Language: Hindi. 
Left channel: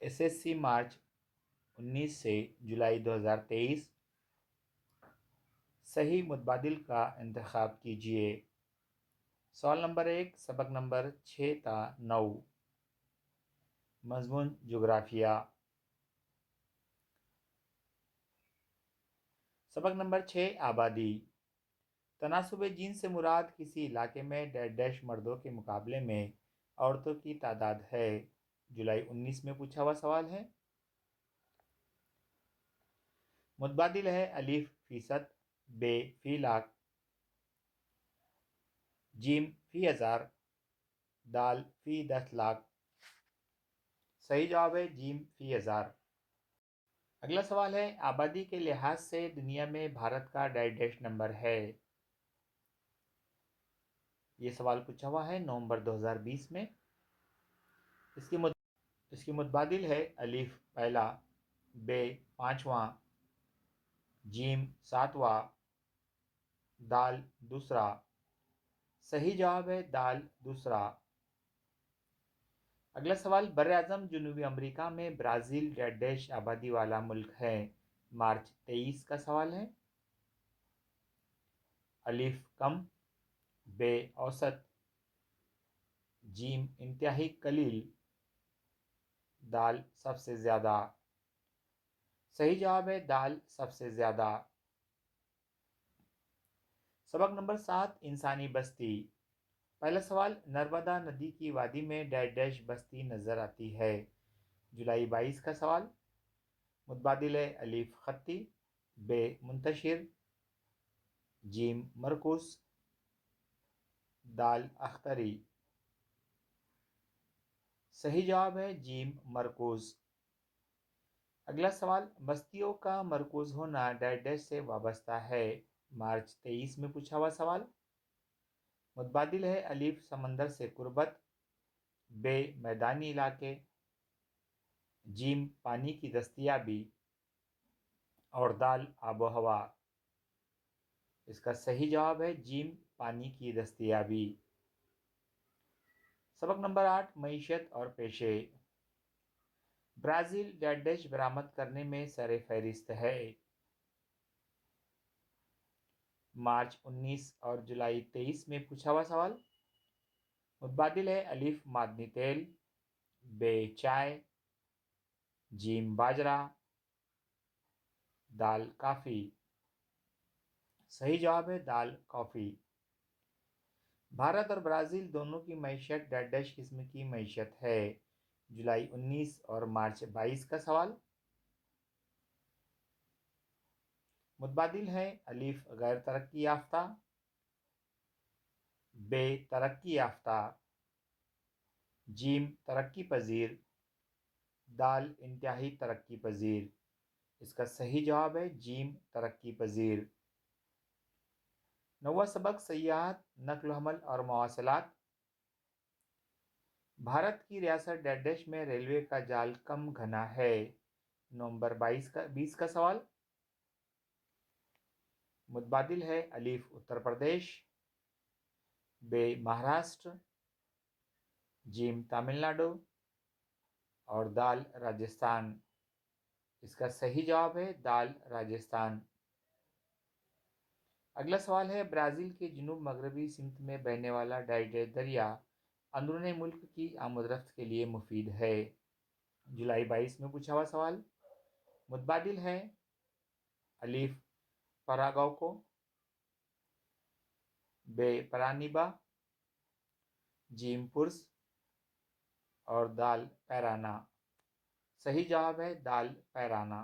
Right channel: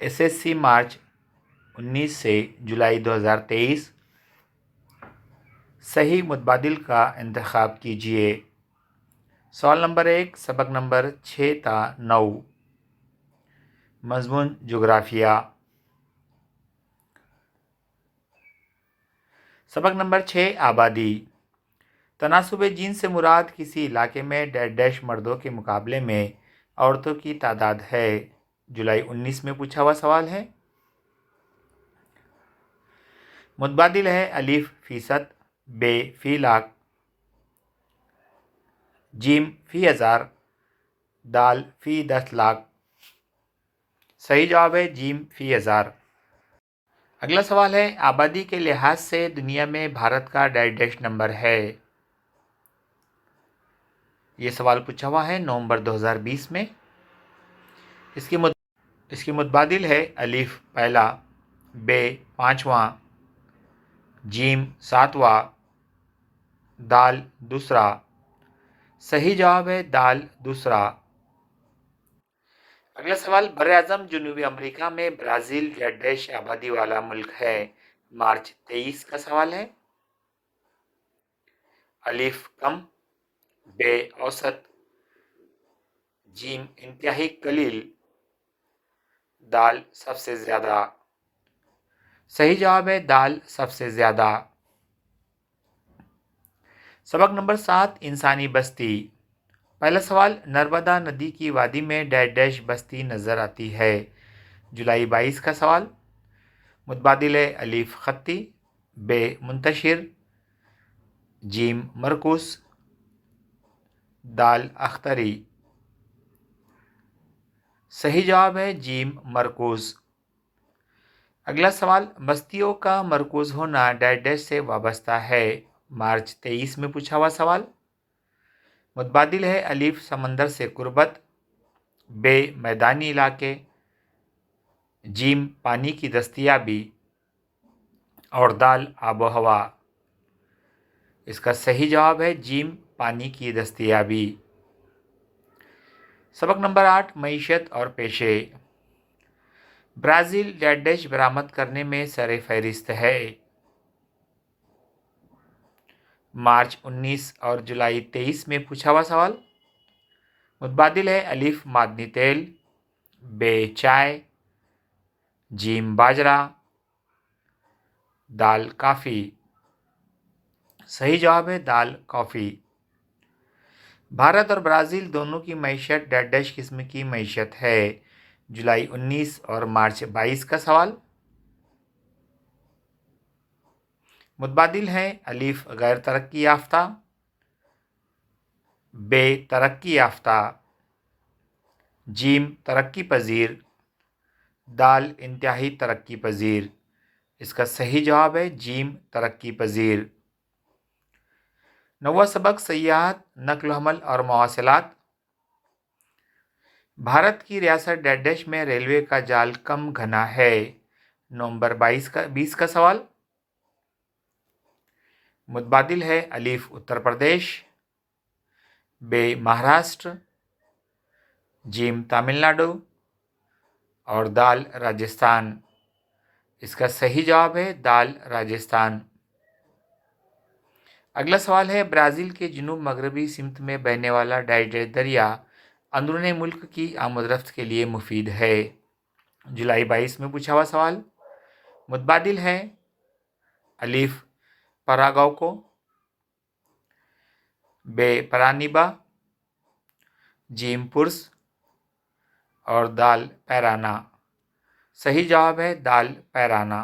एसएससी मार्च 19 से जुलाई 2023। सही मुतबादिल का इंतखाब कीजिए। सवाल नंबर 1 सबक नंबर 6 था 9। मज़मून जोग्राफिया। सबक नंबर 6 आबादी। तनासुब जीन से मुराद किसी इलाके में डैश मर्दों के मुकाबले में औरतों की तादाद है। जुलाई 19 में पूछा हुआ सवाल है। मुतबादिल है अलिफ फ़ीसद, बे फ़ी लाख, जीम फ़ी हज़ार, दाल फ़ी 10 लाख। सही जवाब है जीम फ़ी हज़ार। अगला सवाल है आबादी के लिहाज से दुनिया में भारत का डैश नंबर है। ये सवाल पूछा हुआ है नवंबर 2020 में। इसकी मुतबादिल है अलिफ पहला, बे पाँचवा, जीम सातवां, दाल दूसरा। सही जवाब है दाल दूसरा। अगला सवाल बर-ए-आज़म जनूबी अमेरिका में ब्राज़ील या डैश आबादी वाला मुल्क है। मार्च 23 का सवाल है। अलिफ कम, बे औसत, जीम इंतहाई कलील, दाल सबसे ज़्यादा। सही जवाब है दाल सबसे ज़्यादा। सबक नंबर 7 इंसानी बस्ती। पहला सवाल नर्मदा नदी की वादी में डैश बस्ती नज़र आती है। जुलाई 22 का सवाल। मुतबादिल है अलिफ खत्ती, बे मुंतशिर, जीम मरकुस, दाल अख्तरी। सही जवाब है जीम मरकूज़। अगला सवाल बस्तियों का मरकूज़ होना डैश से वाबस्ता है। मार्च 23 में पूछा हुआ सवाल। मुतबादिल है अलिफ समंदर से कुर्बत, बे मैदानी इलाके, जीम पानी की दस्तयाबी और दाल आबो हवा। इसका सही जवाब है जीम पानी की दस्तयाबी। सबक नंबर 8 मईशत और पेशे। ब्राज़ील डैश बरामद करने में सर फहरिस्त है। मार्च 19 और जुलाई 23 में पूछा हुआ सवाल। मुतबादिल है अलिफ मादनी तेल, बे चाय, जीम बाजरा, दाल काफ़ी। सही जवाब है दाल कॉफ़ी। भारत और ब्राज़ील दोनों की मईशत डैश किस्म की मईशत है। जुलाई 19 और मार्च 22 का सवाल। मुतबादिल है अलिफ गैर तरक्की याफ्ता, बे तरक्की याफ्ता, जीम तरक्की पजीर, दाल इंतहाई तरक्की पजीर। इसका सही जवाब है जीम तरक्की पजीर। नौवां सबक सयाहत, नक्ल हमल और मवासिलात। भारत की रियासत डैश में रेलवे का जाल कम घना है। नवंबर 20 का सवाल। मुतबादिल है अलिफ उत्तर प्रदेश, बे महाराष्ट्र, जीम तमिलनाडु और दाल राजस्थान। इसका सही जवाब है दाल राजस्थान। अगला सवाल है ब्राज़ील के जुनूब मगरबी सिमत में बहने वाला डैश दरिया अंदरूनी मुल्क की आमदरफ्त के लिए मुफीद है। जुलाई 22 में पूछा हुआ सवाल। मुतबादिल है अलिफ परागौको, बे परानीबा, जीम पुर्स और दाल पैराना। सही जवाब है दाल पैराना।